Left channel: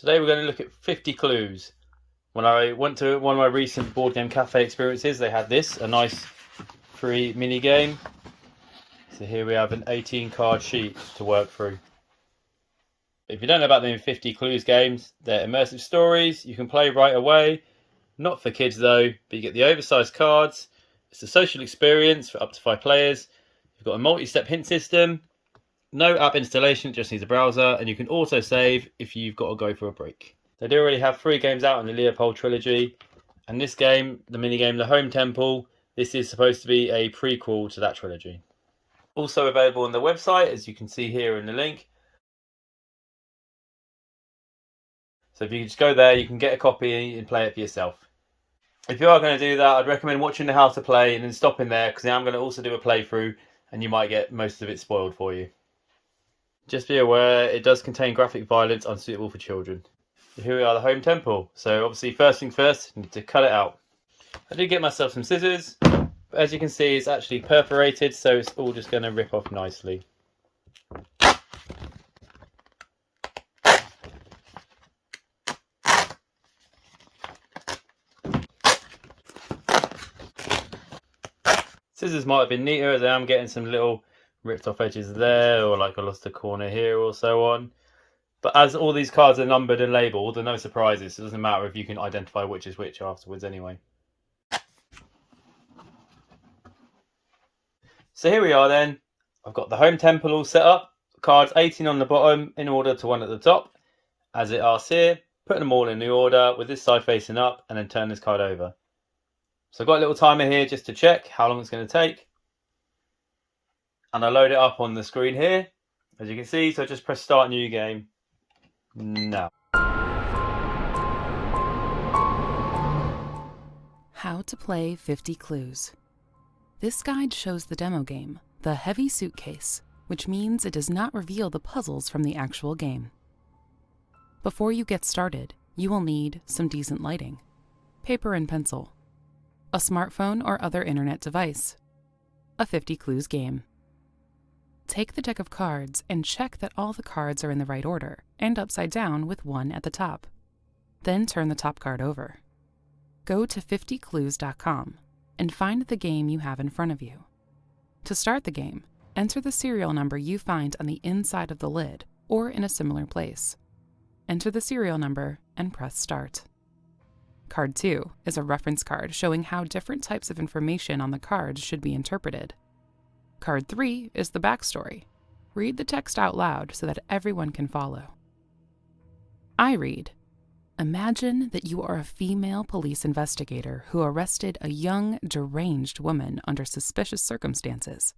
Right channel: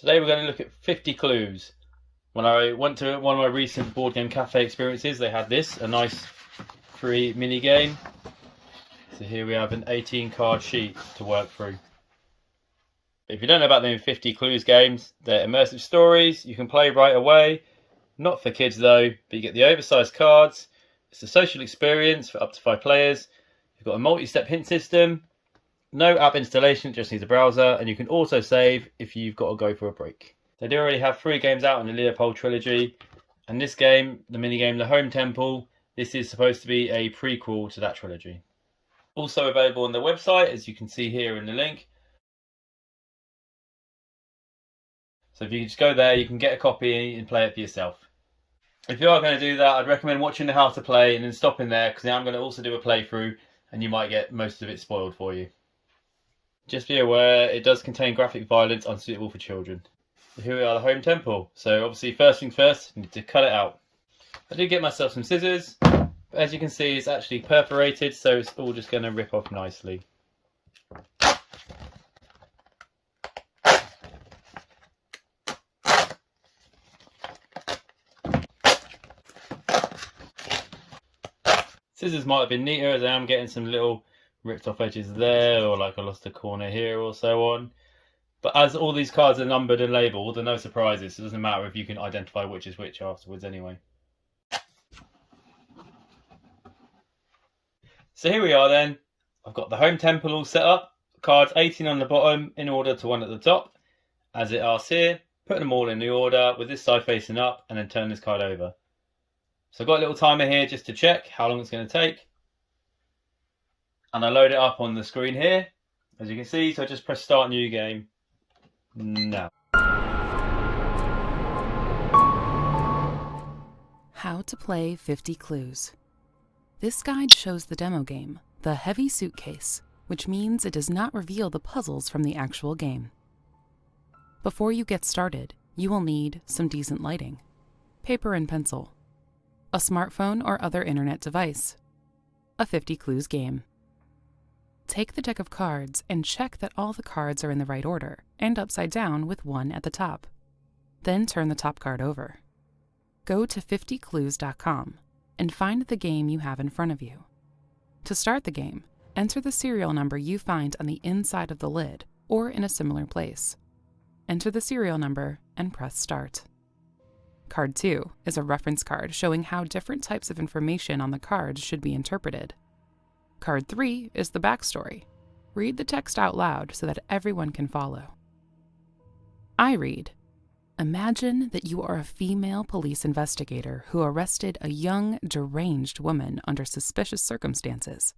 Today we're going to look at 50 clues. When I went to one of my recent board game cafe experiences, they had this, a nice free mini game. So here we have an 18 card sheet to work through. If you don't know about them 50 clues games, they're immersive stories you can play right away. Not for kids though, but you get the oversized cards. It's a social experience for up to 5 players. You've got a multi-step hint system. No app installation, just needs a browser, and you can also save if you've got to go for a break. They do already have 3 games out in the Leopold trilogy, and this game, the minigame The Home Temple, this is supposed to be a prequel to that trilogy. Also available on the website, as you can see here in the link. So if you just go there, you can get a copy and play it for yourself. If you are going to do that, I'd recommend watching the how to play and then stopping there, because I'm going to also do a playthrough, and you might get most of it spoiled for you. Just be aware, it does contain graphic violence unsuitable for children. Here we are, the Home Temple. So obviously, first thing first, you need to cut it out. I did get myself some scissors, but as you can see, it's actually perforated, so it's all just going to rip off nicely. Scissors might have been neater, as I am getting some little ripped off edges there, or like I lost a corner here or so on. But as all these cards are numbered and labelled, there are no surprises. So it doesn't matter if you can identify which is which afterwards anyway. So here we are then. I've got the Home Temple all set up. Cards 18 on the bottom in order to 1 at the top. As it asks here, put them all in the order with this side facing up and then turn this card over. So I've got a little timer here just to check how long it's going to take. And I load it up on the screen here, as you can see. So I just press start new game now. How to play 50 clues. This guide shows the demo game, The Heavy Suitcase, which means it does not reveal the puzzles from the actual game. Before you get started, you will need some decent lighting, paper and pencil, a smartphone or other internet device, a 50 clues game. Take the deck of cards and check that all the cards are in the right order and upside down with 1 at the top. Then turn the top card over. Go to 50clues.com and find the game you have in front of you. To start the game, enter the serial number you find on the inside of the lid or in a similar place. Enter the serial number and press start. Card 2 is a reference card showing how different types of information on the cards should be interpreted. Card 3 is the backstory. Read the text out loud so that everyone can follow. I read, imagine that you are a female police investigator who arrested a young, deranged woman under suspicious circumstances.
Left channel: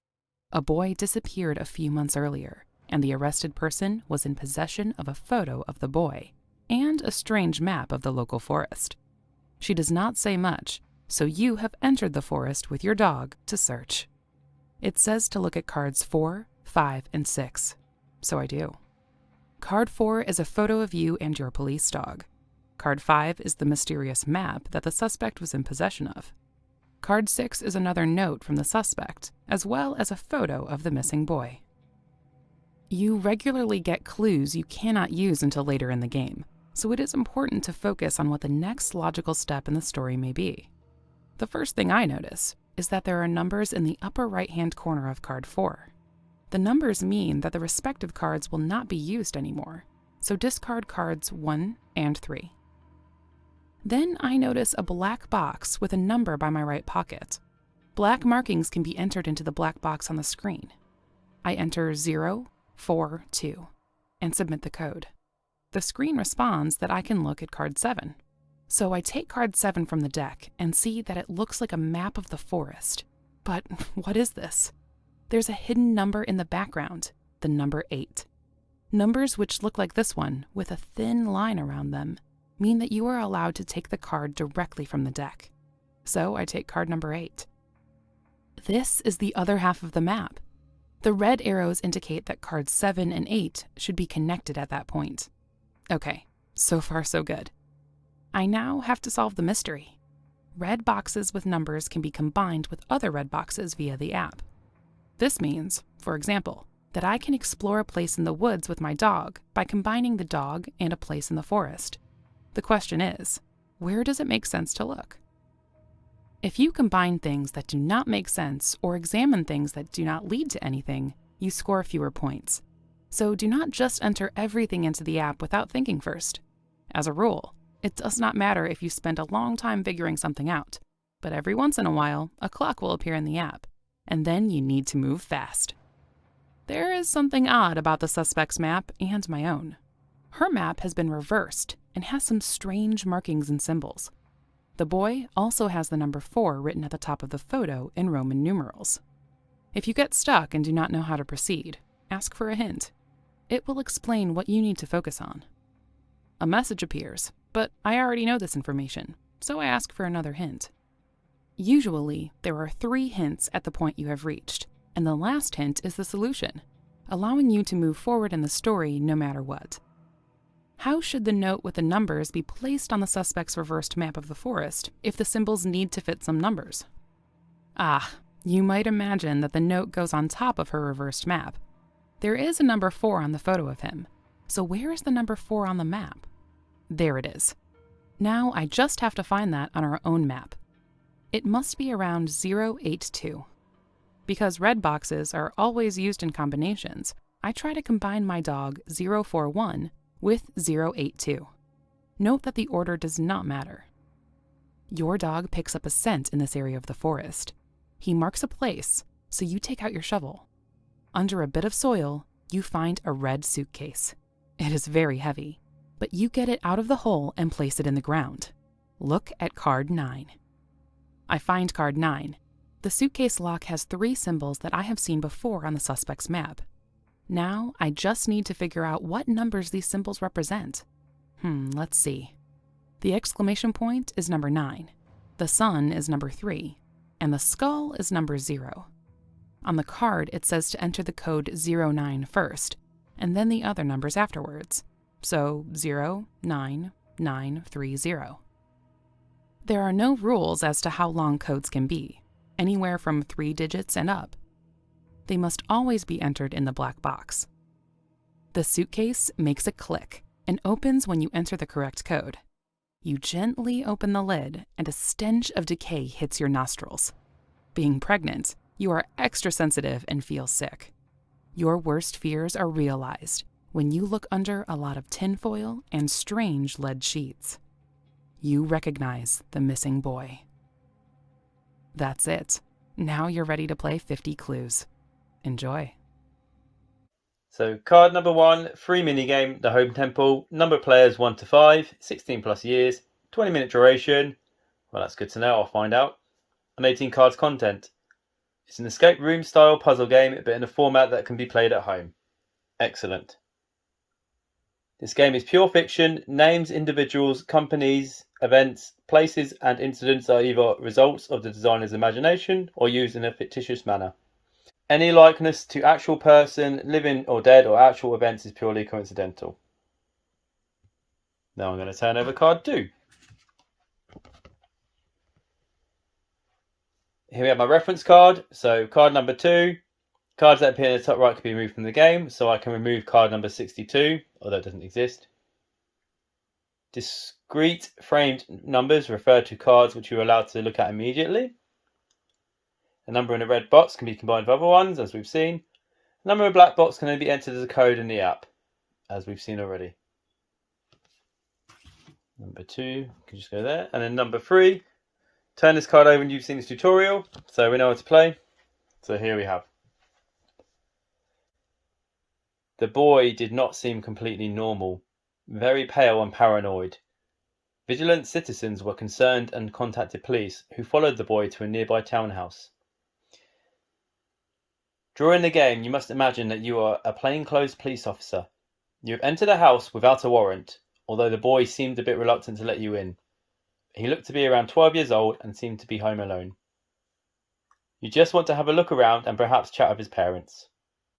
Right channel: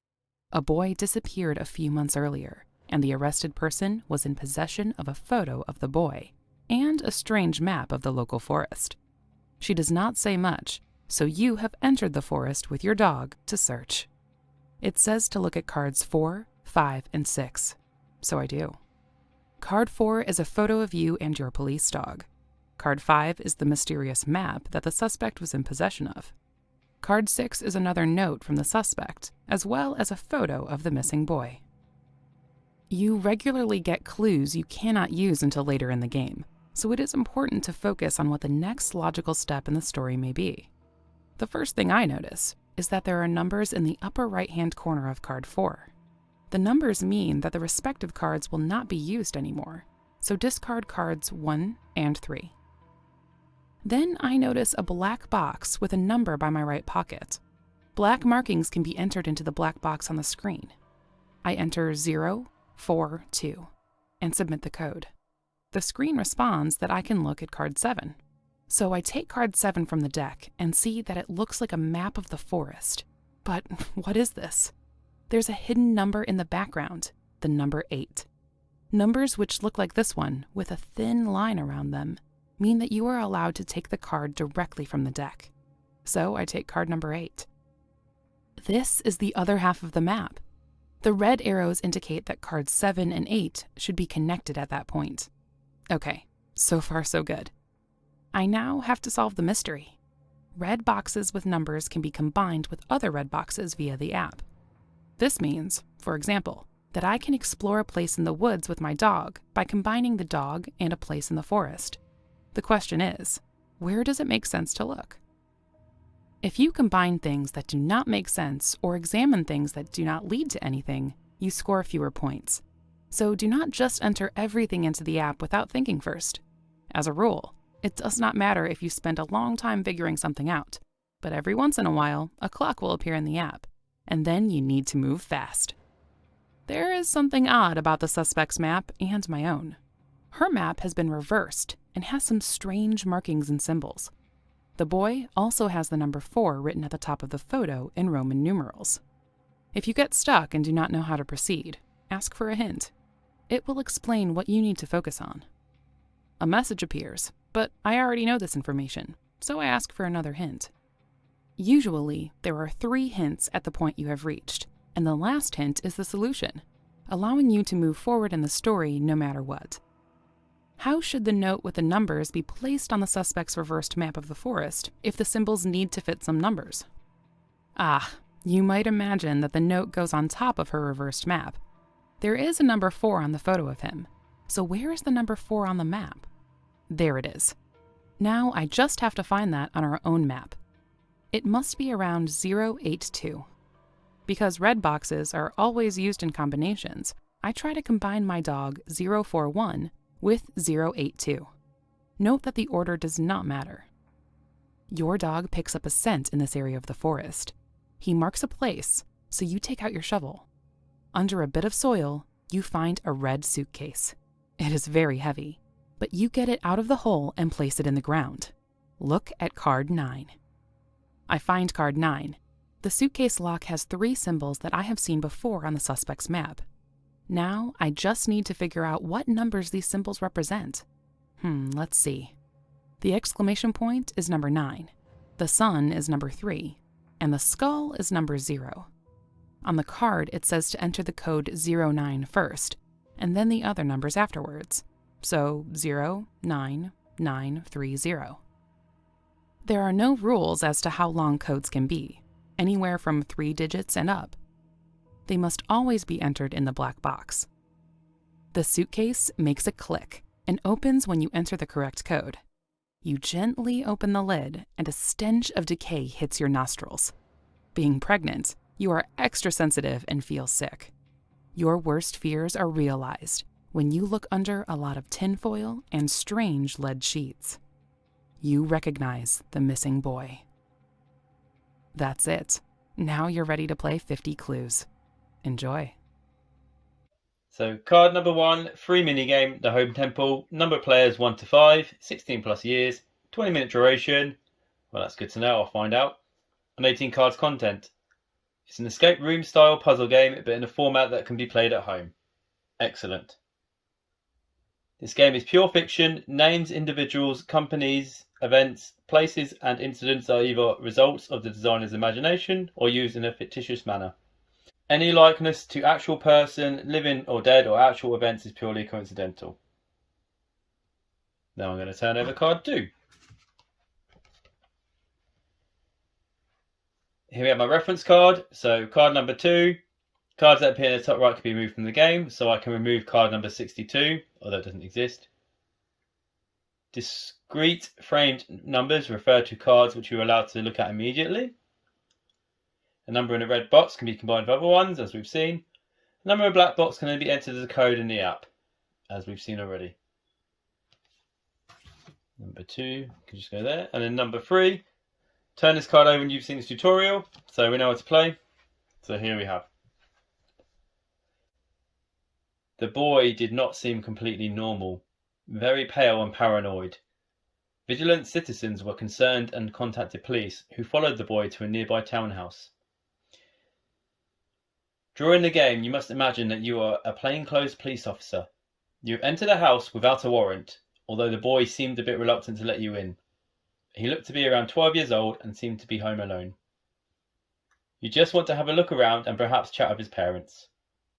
A boy disappeared a few months earlier, and the arrested person was in possession of a photo of the boy and a strange map of the local forest. She does not say much, so you have entered the forest with your dog to search. It says to look at cards 4, 5, and 6, so I do. Card 4 is a photo of you and your police dog. Card 5 is the mysterious map that the suspect was in possession of. Card 6 is another note from the suspect, as well as a photo of the missing boy. You regularly get clues you cannot use until later in the game, so it is important to focus on what the next logical step in the story may be. The first thing I notice is that there are numbers in the upper right-hand corner of card 4. The numbers mean that the respective cards will not be used anymore, so discard cards 1 and 3. Then I notice a black box with a number by my right pocket. Black markings can be entered into the black box on the screen. I enter 042 and submit the code. The screen responds that I can look at card 7. So I take card 7 from the deck and see that it looks like a map of the forest. But what is this? There's a hidden number in the background, the number 8. Numbers which look like this one, with a thin line around them, mean that you are allowed to take the card directly from the deck. So I take card number 8. This is the other half of the map. The red arrows indicate that cards 7 and 8 should be connected at that point. Okay, so far so good. I now have to solve the mystery. Red boxes with numbers can be combined with other red boxes via the app. This means, for example, that I can explore a place in the woods with my dog by combining the dog and a place in the forest. The question is, where does it make sense to look? If you combine things that do not make sense or examine things that do not lead to anything, you score fewer points. So do not just enter everything into the app without thinking first. As a rule, it does not matter if you spend a long time figuring something out, but every once in a while, a clock will appear in the app, and then you need to move fast. There is something odd about the suspect's map and my own. Her map has been reversed and has some strange markings and symbols. The boy also has the number 4 written at the top of the photo in Roman numerals. If you get stuck and do not know how to proceed, ask for a hint. It will explain what you need to focus on. A message appears, but I already know this information, so I ask for another hint. Usually, there are 3 hints at the point you have reached, and the last hint is the solution, allowing you to move forward in the story no matter what. How should the note with the numbers be placed on the suspect's reversed map of the forest if the symbols need to fit some numbers? You might imagine that the note goes on top of her reversed map. There is a number 4 on the photo of him, so where is the number 4 on the map? There it is. Now I just have to find that on our own map. It must be around 082. Because red boxes are always used in combinations, I try to combine my dog 041 with 082. Note that the order does not matter. Your dog picks up a scent in this area of the forest. He marks a place, so you take out your shovel. Under a bit of soil, you find a red suitcase. It is very heavy, but you get it out of the hole and place it in the ground. Look at card 9. I find card 9. The suitcase lock has 3 symbols that I have seen before on the suspect's map. Now, I just need to figure out what numbers these symbols represent. Let's see. The exclamation point is number 9, the sun is number 3, and the skull is number 0. On the card, it says to enter the code 09 first, and then the other numbers afterwards. So 09930. There are no rules as to how long codes can be, anywhere from 3 digits and up. They must always be entered in the black box. The suitcase makes a click and opens when you enter the correct code. You gently open the lid and a stench of decay hits your nostrils. Being pregnant, you are extra sensitive and feel sick. Your worst fears are realized when you look under a lot of tinfoil and strange lead sheets. You recognize the missing boy. That's it. Now you're ready to play 50 clues. Enjoy. So card number 1, free minigame, the home temple, number of players 1 to 5, 16 plus years, 20-minute duration. Well, that's good to know, I'll find out. And 18 cards content. It's an escape room style puzzle game, but in a format that can be played at home. Excellent. This game is pure fiction. Names, individuals, companies, events, places, and incidents are either results of the designer's imagination or used in a fictitious manner. Any likeness to actual person, living or dead, or actual events is purely coincidental. Now I'm going to turn over card 2. Here we have my reference card. So card number 2. Cards that appear in the top right can be removed from the game, so I can remove card number 62, although it doesn't exist. Discrete framed numbers refer to cards which you are allowed to look at immediately. A number in a red box can be combined with other ones, as we've seen. A number in a black box can only be entered as a code in the app, as we've seen already. Number 2 can just go there. And then number 3, turn this card over when you've seen this tutorial, so we know how to play. So here we have. The boy did not seem completely normal, very pale and paranoid. Vigilant citizens were concerned and contacted police, who followed the boy to a nearby townhouse. During the game, you must imagine that you are a plainclothes police officer. You have entered a house without a warrant, although the boy seemed a bit reluctant to let you in. He looked to be around 12 years old and seemed to be home alone. You just want to have a look around and perhaps chat with his parents.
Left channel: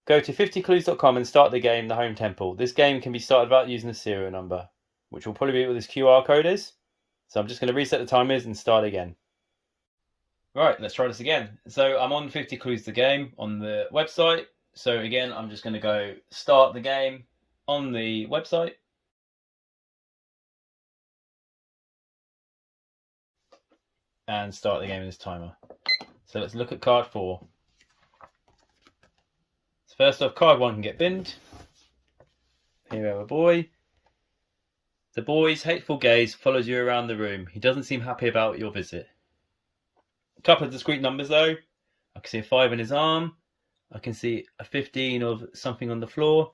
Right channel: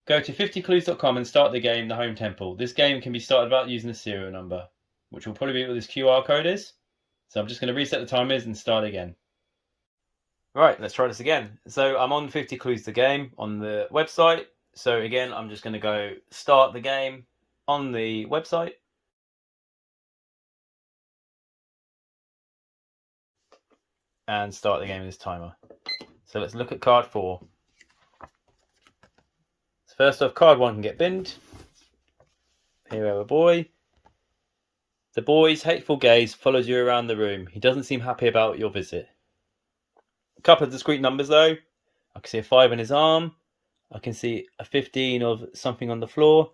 Go to 50clues.com and start the game, The Home Temple. This game can be started without using a serial number, which will probably be what this QR code is. So I'm just going to reset the timers and start again. Right, let's try this again. So I'm on 50 Clues the game on the website. So again, I'm just going to go start the game on the website. And start the game in this timer. So let's look at card 4. So first off, card 1 can get binned. Here we have a boy. The boy's hateful gaze follows you around the room. He doesn't seem happy about your visit. A couple of discrete numbers though. I can see a 5 in his arm. I can see a 15 of something on the floor.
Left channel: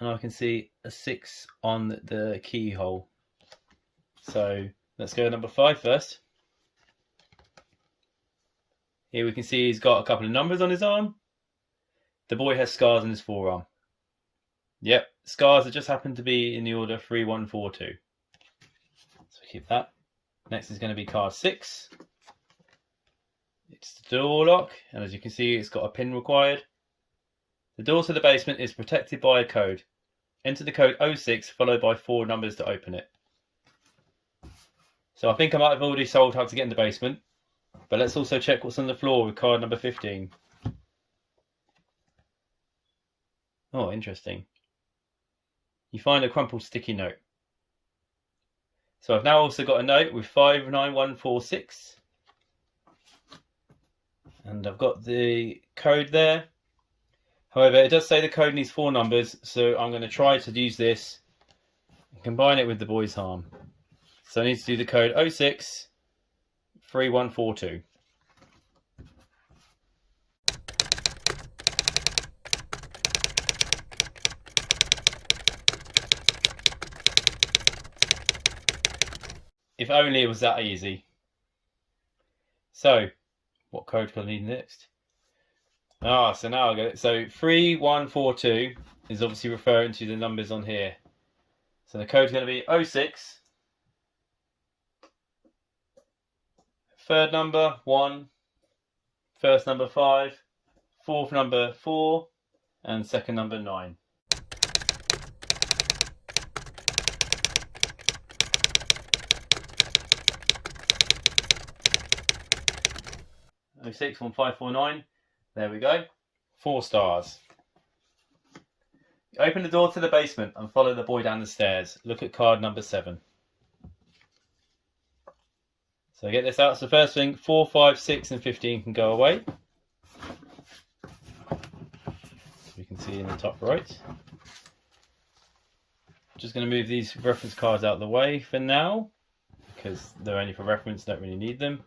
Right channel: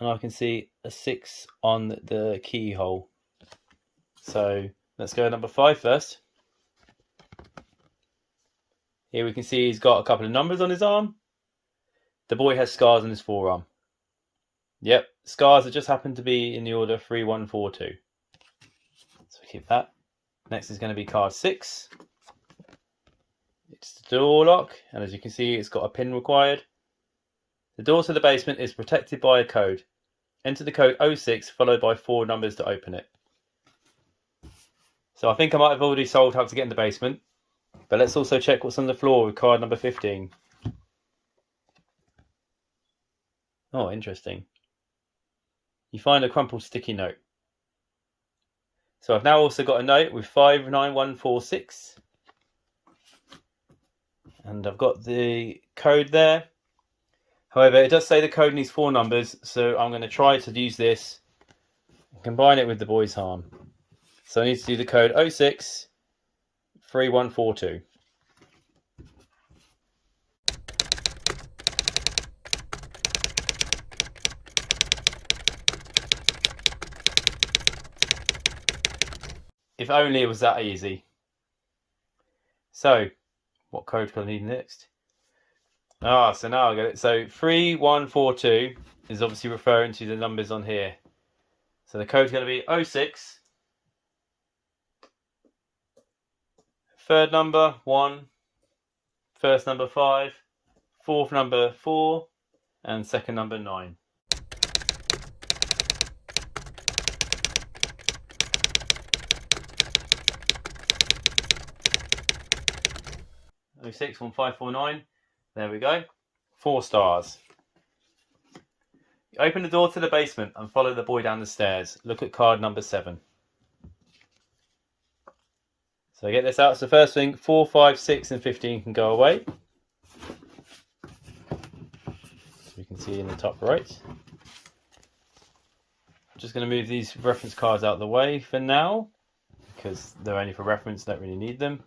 And I can see a 6 on the keyhole. So let's go to number 5 first. Here we can see he's got a couple of numbers on his arm. The boy has scars on his forearm. Yep, scars that just happen to be in the order 3, 1, 4, 2. So keep that. Next is going to be card 6. It's the door lock, and as you can see, it's got a pin required. The door to the basement is protected by a code. Enter the code 06 followed by 4 numbers to open it. So I think I might have already solved how to get in the basement, but let's also check what's on the floor with card number 15. Oh, interesting. You find a crumpled sticky note. So I've now also got a note with 59146. And I've got the code there. However, it does say the code needs 4 numbers, so I'm going to try to use this and combine it with the boy's harm. So I need to do the code 06 3142. If only it was that easy. So, what code can I need next? So now I get it. So 3142 is obviously referring to the numbers on here. So the code's going to be 06. Third number 1. First number 5. Fourth number 4. And second number 9. Oh, 6, 1, 5, 4, 9. There we go. 4 stars. Open the door to the basement and follow the boy down the stairs. Look at card number 7. So get this out. So first thing, 4, 5, 6 and 15 can go away. You can see in the top right. I'm just going to move these reference cards out of the way for now, because they're only for reference, don't really need them.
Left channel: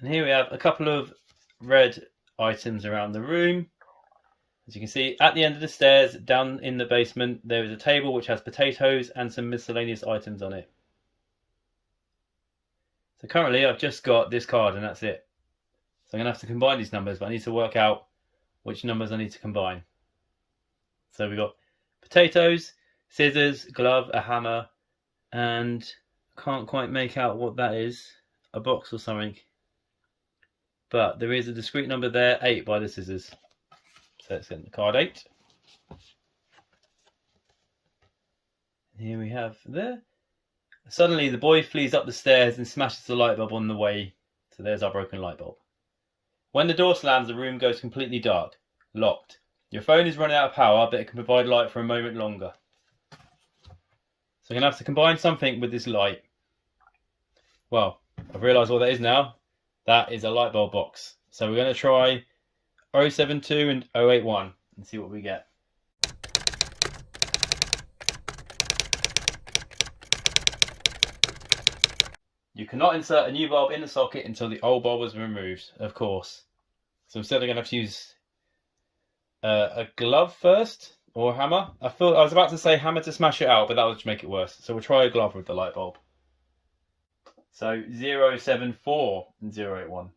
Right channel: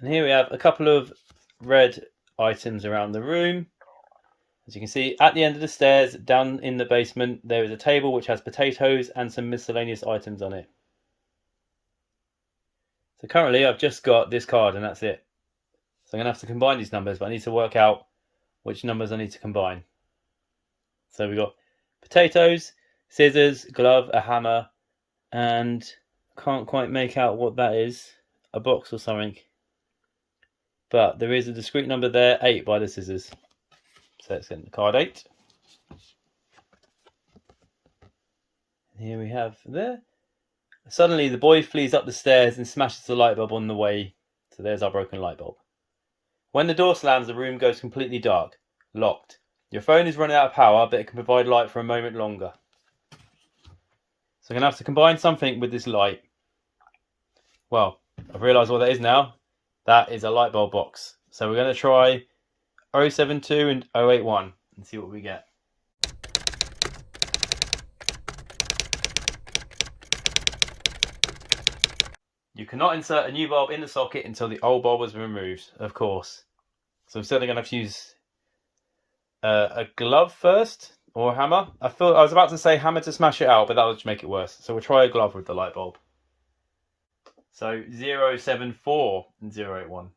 And here we have a couple of red items around the room. As you can see, at the end of the stairs, down in the basement, there is a table which has potatoes and some miscellaneous items on it. So currently, I've just got this card and that's it. So I'm going to have to combine these numbers, but I need to work out which numbers I need to combine. So we've got potatoes, scissors, glove, a hammer, and I can't quite make out what that is. A box or something. But there is a discrete number there, 8 by the scissors. So let's get the card 8. Here we have there. Suddenly the boy flees up the stairs and smashes the light bulb on the way. So there's our broken light bulb. When the door slams, the room goes completely dark. Locked. Your phone is running out of power, but it can provide light for a moment longer. So I'm going to have to combine something with this light. Well, I've realised what that is now. That is a light bulb box. So we're going to try 072 and 081 and see what we get. You cannot insert a new bulb in the socket until the old bulb was removed, of course. So I'm certainly going to have to use a glove first, or a hammer. I was about to say hammer to smash it out, but that would make it worse. So we'll try a glove with the light bulb. So 074 and 081.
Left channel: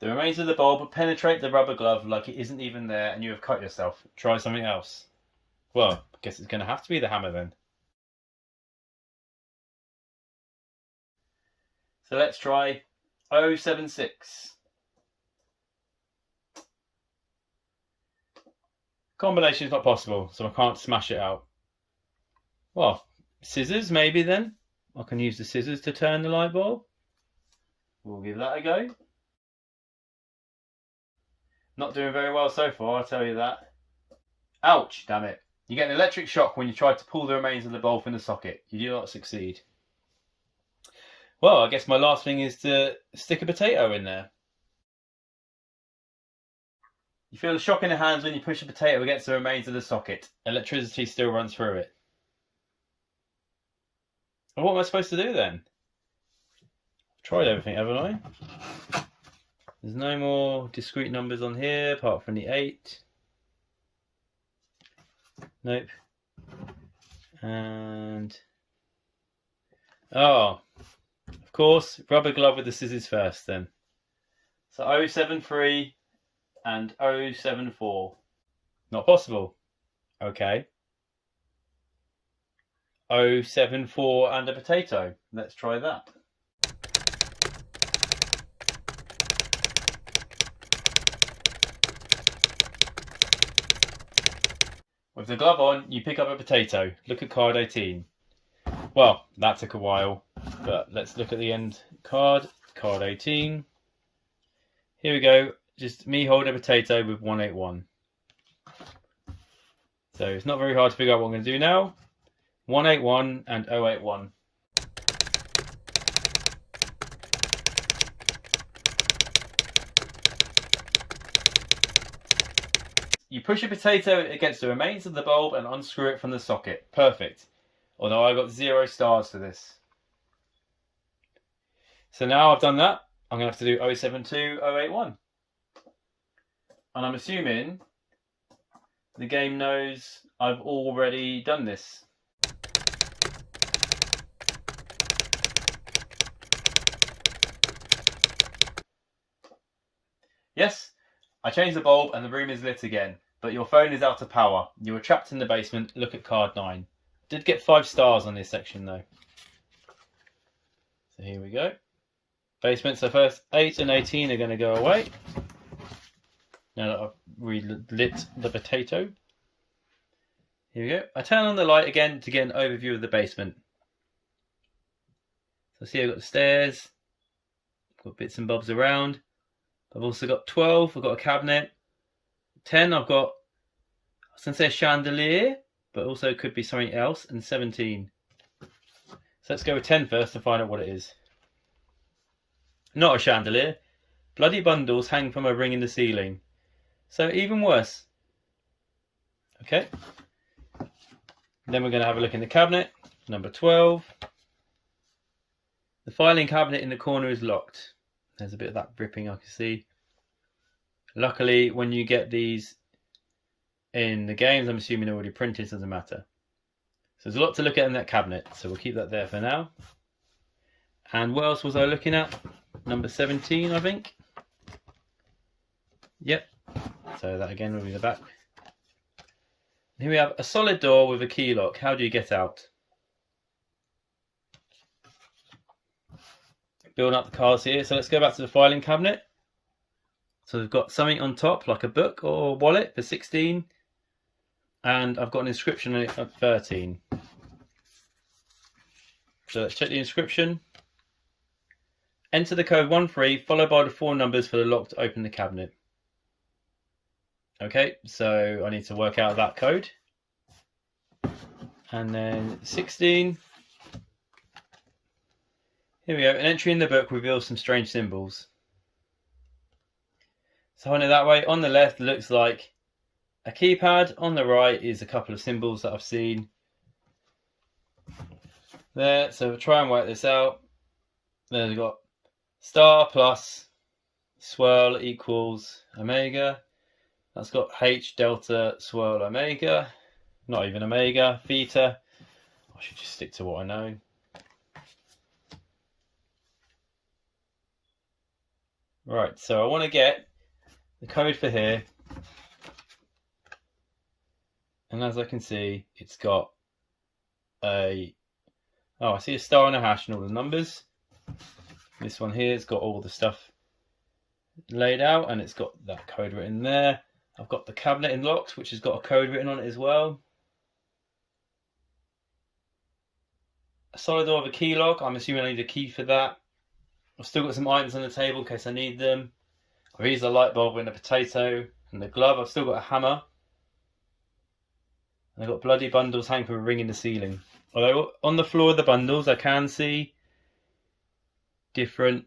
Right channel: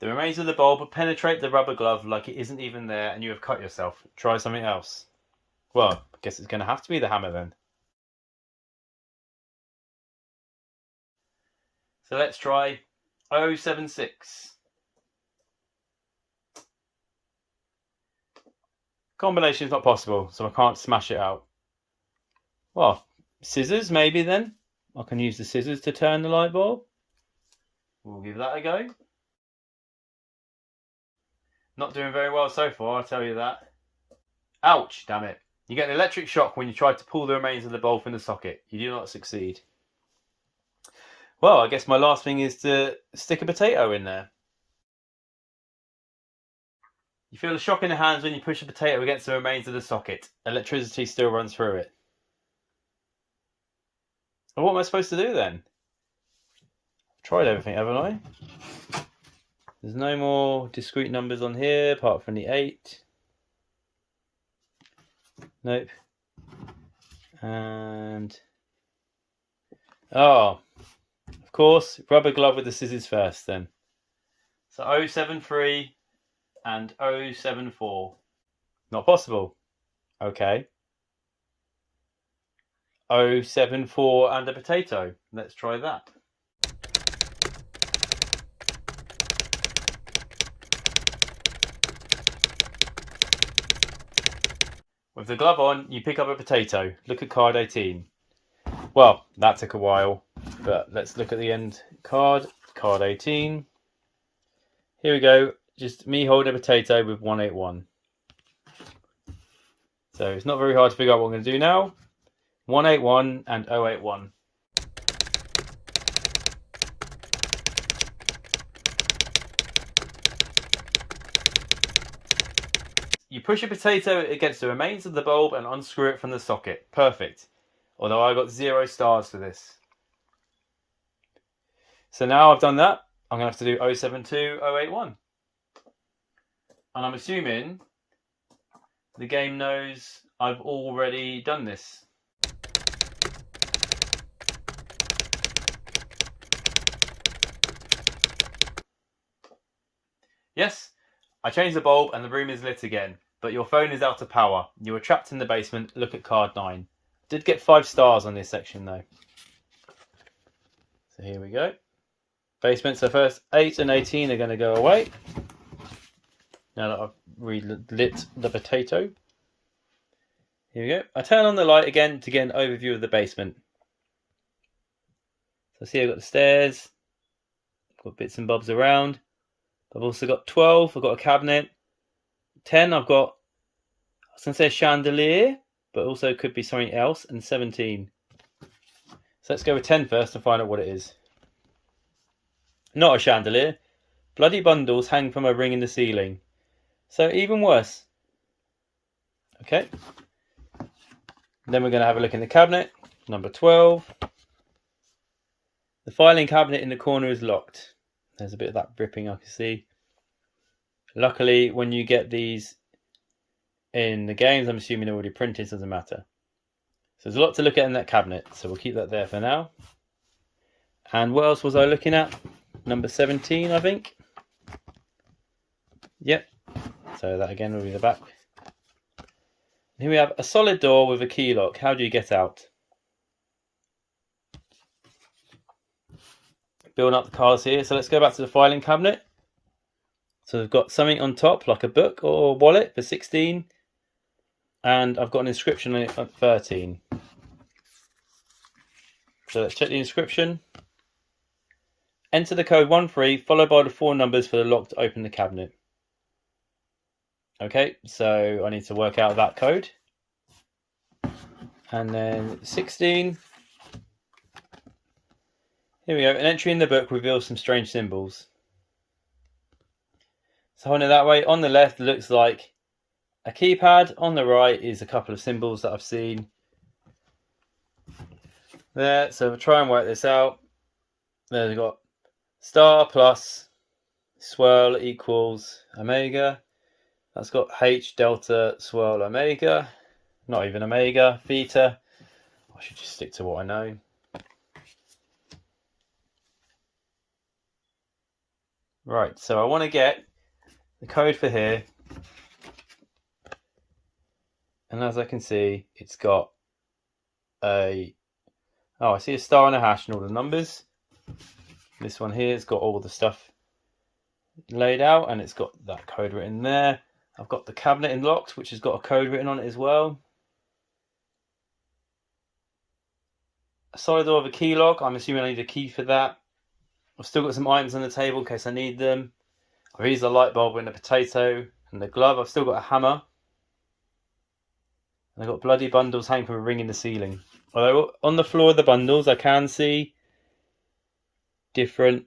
The remains of the bulb would penetrate the rubber glove like it isn't even there and you have cut yourself. Try something else. Well, I guess it's going to have to be the hammer then. So let's try 076. Combination is not possible, so I can't smash it out. Well, scissors maybe then, I can use the scissors to turn the light bulb. We'll give that a go. Not doing very well so far, I'll tell you that. Ouch, damn it. You get an electric shock when you try to pull the remains of the bulb from the socket. You do not succeed. Well, I guess my last thing is to stick a potato in there. You feel the shock in the hands when you push a potato against the remains of the socket. Electricity still runs through it. Well, what am I supposed to do then? I've tried everything, haven't I? There's no more discrete numbers on here apart from the 8. Nope. And oh, of course, rubber glove with the scissors first then. So 073 and 074. Not possible. Okay. 074 and a potato. Let's try that. With the glove on, you pick up a potato. Look at card 18. Well, that took a while, but let's look at the end card. Card 18. Here we go. Just me holding a potato with 181. So it's not very hard to figure out what I'm going to do now. 181 and 081. You push a potato against the remains of the bulb and unscrew it from the socket. Perfect. Although I got 0 stars for this. So now I've done that, I'm going to have to do 072, 081. And I'm assuming the game knows I've already done this. Yes, I changed the bulb and the room is lit again, but your phone is out of power. You were trapped in the basement. Look at card 9. Did get 5 stars on this section though. So here we go. Basement. So first 8 and 18 are going to go away. Now that I've relit the potato. Here we go. I turn on the light again to get an overview of the basement. So see, I've got the stairs. I've got bits and bobs around. I've also got 12. I've got a cabinet. 10. I've got, I was going to say a chandelier, but also could be something else. And 17. So let's go with 10 first and find out what it is. Not a chandelier. Bloody bundles hang from a ring in the ceiling. So even worse. Okay. Then we're going to have a look in the cabinet. Number 12. The filing cabinet in the corner is locked. There's a bit of that dripping I can see. Luckily, when you get these in the games, I'm assuming they're already printed, so it doesn't matter. So there's a lot to look at in that cabinet, so we'll keep that there for now. And what else was I looking at? Number 17, I think. Yep. So that again will be the back. Here we have a solid door with a key lock. How do you get out? Building up the cards here. So let's go back to the filing cabinet. So we've got something on top, like a book or a wallet for 16. And I've got an inscription on it for 13. So let's check the inscription. Enter the code 13, followed by the 4 numbers for the lock to open the cabinet. Okay, so I need to work out that code. And then 16. Here we go. An entry in the book reveals some strange symbols. So I know that way. On the left, it looks like a keypad. On the right is a couple of symbols that I've seen there. So I'll try and work this out. There we've got star plus swirl equals omega. That's got H delta swirl omega. Not even omega, theta. I should just stick to what I know. Right, so I want to get the code for here. And as I can see, it's got a... Oh, I see a star and a hash and all the numbers. This one here has got all the stuff laid out and it's got that code written there. I've got the cabinet unlocked, which has got a code written on it as well. solid door with a key lock. I'm assuming I need a key for that. I've still got some items on the table in case I need them. I've used the light bulb and the potato and the glove. I've still got a hammer. And I've got bloody bundles hanging from a ring in the ceiling. Although on the floor of the bundles I can see different...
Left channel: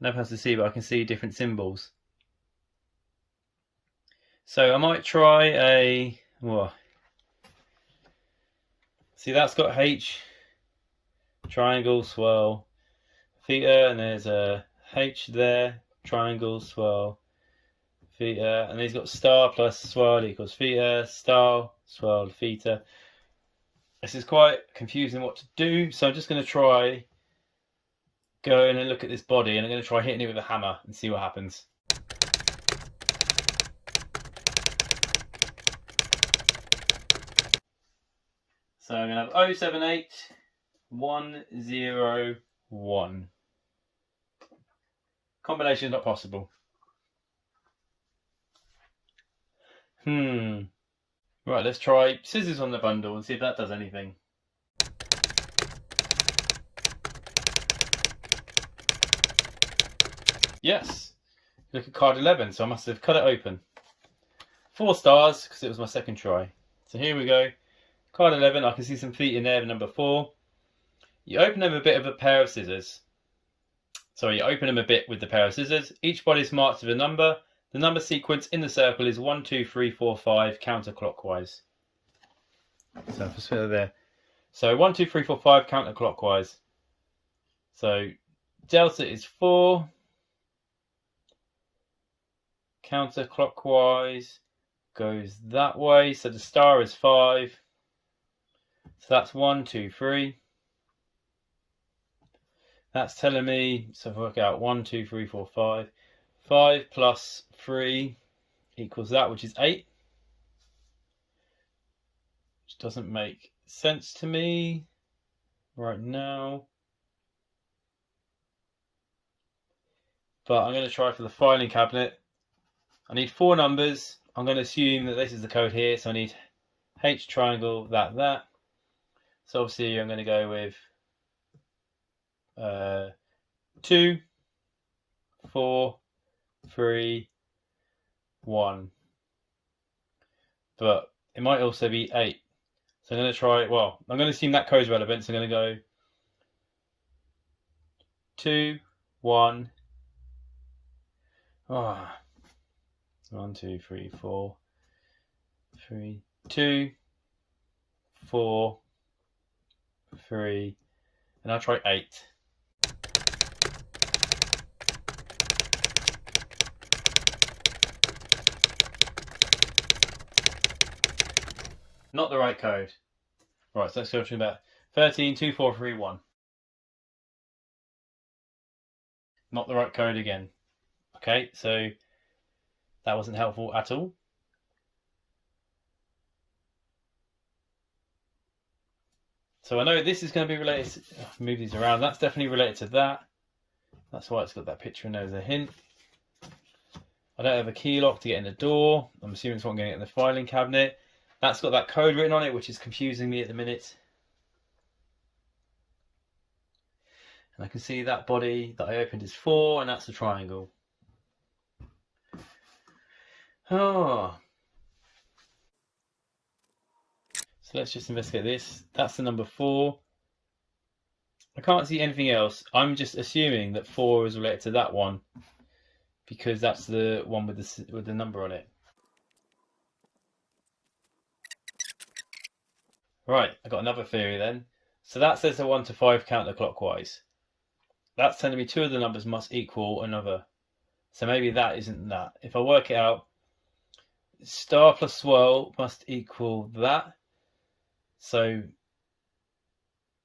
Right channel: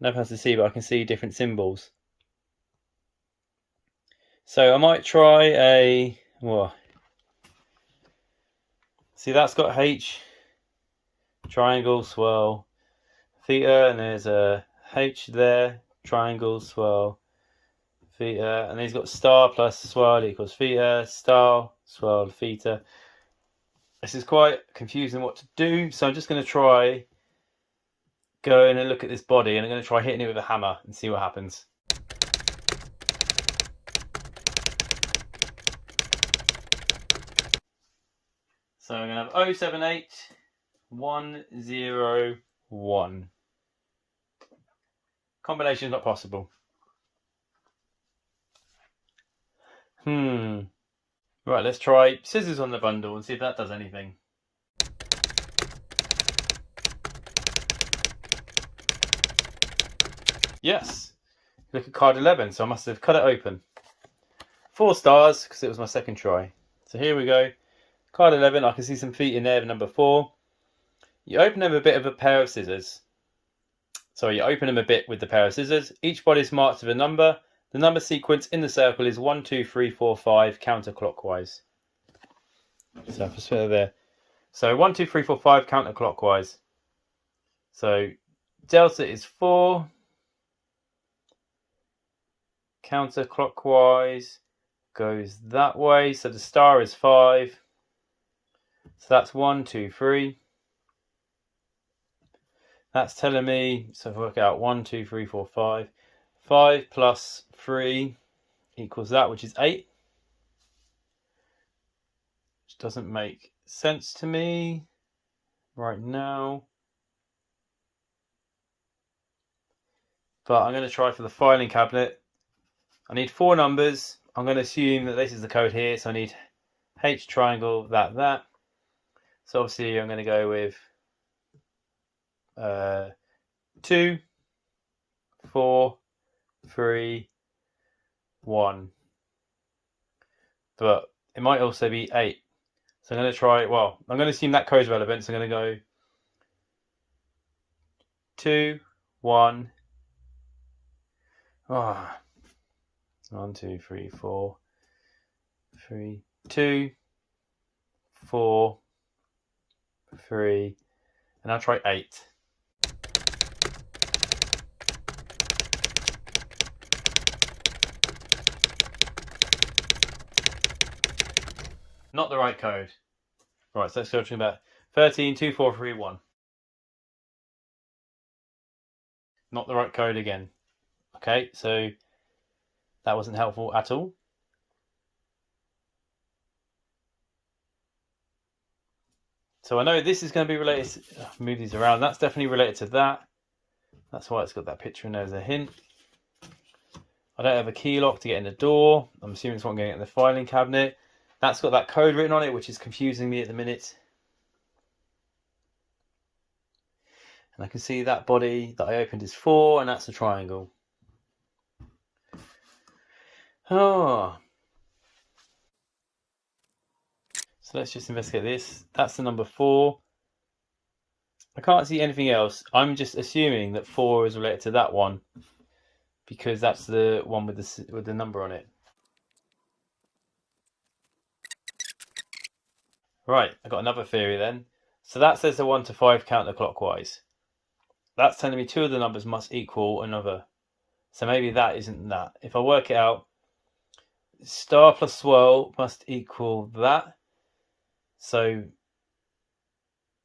Nothing else to see, but I can see different symbols. So I might try a... Whoa. See, that's got H, triangle, swirl, theta, and there's a H there, triangle, swirl, theta, and he's got star plus swirl equals theta, star, swirl, theta. This is quite confusing what to do, so I'm just going to try going and look at this body, and I'm going to try hitting it with a hammer and see what happens. So I'm going to have 078101. Combination is not possible. Right, let's try scissors on the bundle and see if that does anything. Yes. Look at card 11, so I must have cut it open. 4 stars because it was my second try. So here we go. Card 11, I can see some feet in there, number 4. You open them with a bit of a pair of scissors. So you open them a bit with the pair of scissors. Each body is marked with a number. The number sequence in the circle is 1, 2, 3, 4, 5 counterclockwise. So I'll just put it there. So 1, 2, 3, 4, 5 counterclockwise. So delta is 4. Counterclockwise goes that way. So the star is 5. So that's 1, 2, 3. That's telling me, so if I work out 1, 2, 3, 4, 5. 5 plus 3 equals that, which is 8. Which doesn't make sense to me right now. But I'm going to try for the filing cabinet. I need 4 numbers. I'm going to assume that this is the code here. So I need H triangle, that. So obviously I'm going to go with 2, 4, 3, 1. But it might also be 8. So I'm going to try, well, I'm going to assume that code is relevant. So I'm going to go 2, 1. 1, 2, 3, 4, 3, 2, 4, 3, and I'll try 8. Not the right code. Right, so let's go through that. 13, 2, 4, 3, 1. Not the right code again. Okay, so that wasn't helpful at all. So I know this is going to be related to, move these around, that's definitely related to that. That's why it's got that picture in there as a hint. I don't have a key lock to get in the door. I'm assuming it's what I'm going to get in the filing cabinet. That's got that code written on it, which is confusing me at the minute. And I can see that body that I opened is 4, and that's a triangle. Oh. So let's just investigate this. That's the number 4. I can't see anything else. I'm just assuming that 4 is related to that one because that's the one with the number on it. Right, I got another theory then. So that says the 1 to 5 counterclockwise. That's telling me 2 of the numbers must equal another. So maybe that isn't that. If I work it out, star plus swirl must equal that. So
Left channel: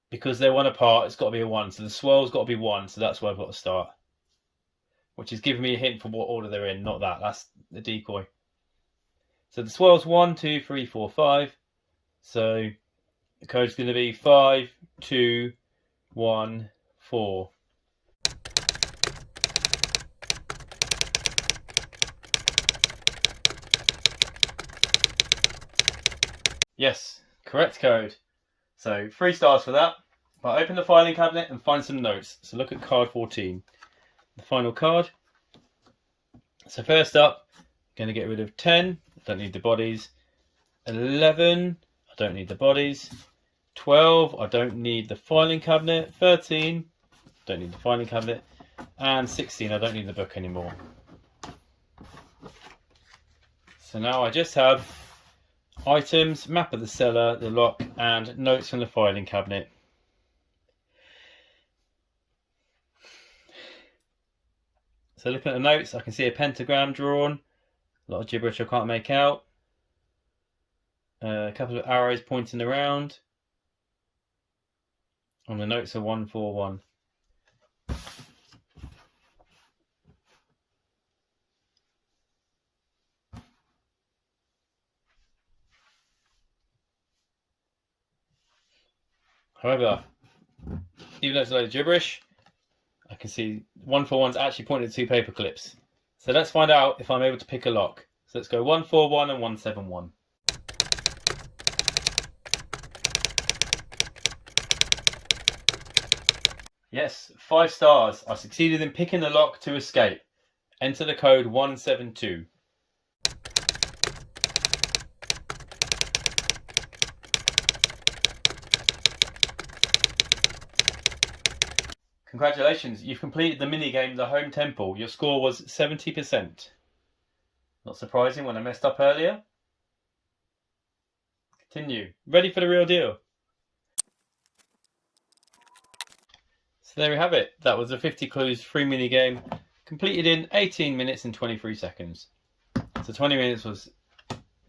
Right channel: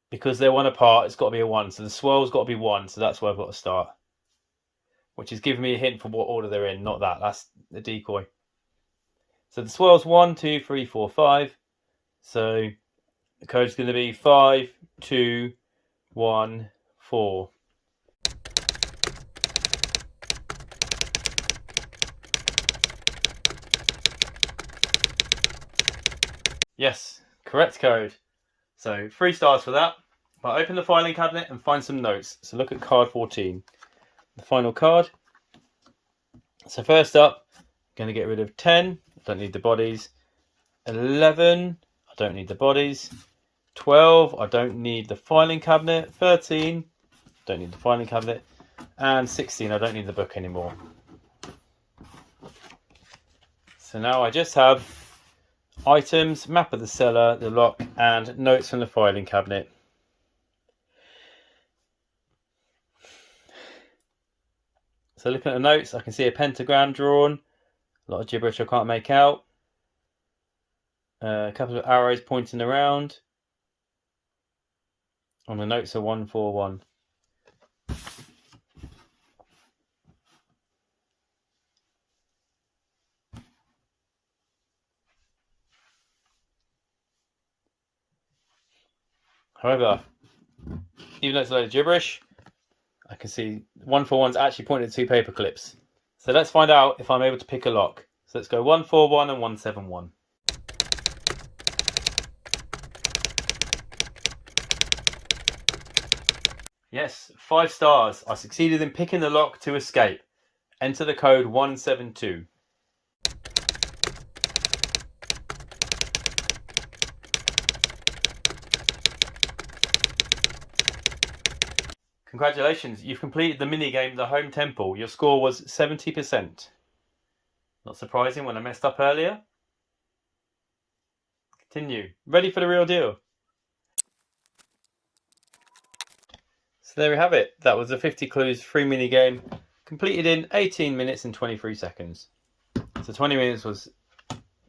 because they're 1 apart, it's got to be a 1. So the swirl's got to be 1. So that's where I've got to start. Which is giving me a hint for what order they're in, not that. That's the decoy. So the swirl's 1, 2, 3, 4, 5. So the code's going to be 5, 2, 1, 4. Yes, correct code. So 3 stars for that. But open the filing cabinet and find some notes. So look at card 14, the final card. So first up, I'm going to get rid of 10. I don't need the bodies. 11, I don't need the bodies. 12, I don't need the filing cabinet. 13, don't need the filing cabinet. And 16, I don't need the book anymore. So now I just have items, map of the cellar, the lock, and notes from the filing cabinet. So looking at the notes, I can see a pentagram drawn. A lot of gibberish I can't make out. A couple of arrows pointing around. On the notes are 141. However, even though it's a load of gibberish, I can see 141's actually pointing at 2 paper clips. So let's find out if I'm able to pick a lock. So let's go 141 and 171. Yes, 5 stars. I succeeded in picking the lock to escape. Enter the code 172. Congratulations, you've completed the minigame The Home Temple. Your score was 70%. Not surprising when I messed up earlier. Continue. Ready for the real deal. So there we have it. That was a 50 clues free minigame completed in 18 minutes and 23 seconds. So 20 minutes was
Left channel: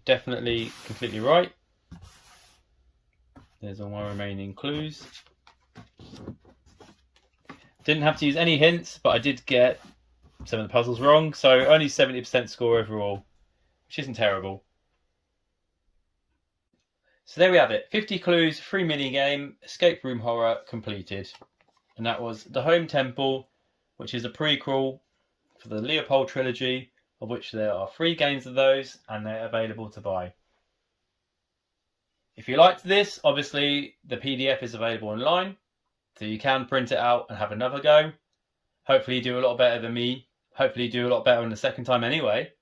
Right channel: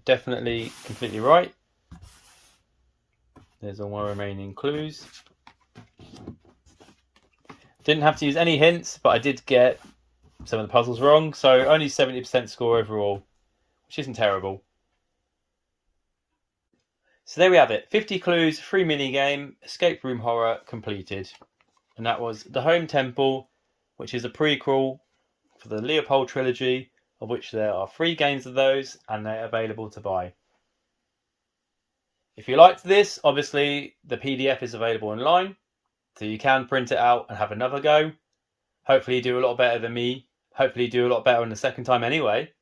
definitely completely right. There's all my remaining clues. Didn't have to use any hints, but I did get some of the puzzles wrong. So only 70% score overall, which isn't terrible. So there we have it. 50 clues, free minigame, escape room horror completed. And that was The Home Temple, which is a prequel for the Leopold trilogy, of which there are 3 games of those, and they're available to buy. If you liked this, obviously the PDF is available online, so you can print it out and have another go. Hopefully you do a lot better than me. Hopefully you do a lot better on the second time anyway.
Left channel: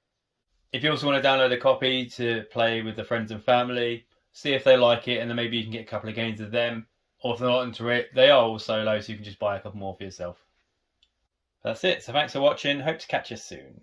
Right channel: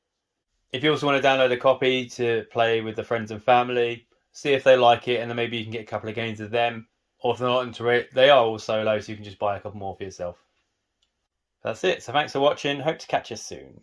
If you also want to download a copy to play with the friends and family, see if they like it, and then maybe you can get a couple of games of them. Or if they're not into it, they are all solo, so you can just buy a couple more for yourself. That's it. So thanks for watching. Hope to catch you soon.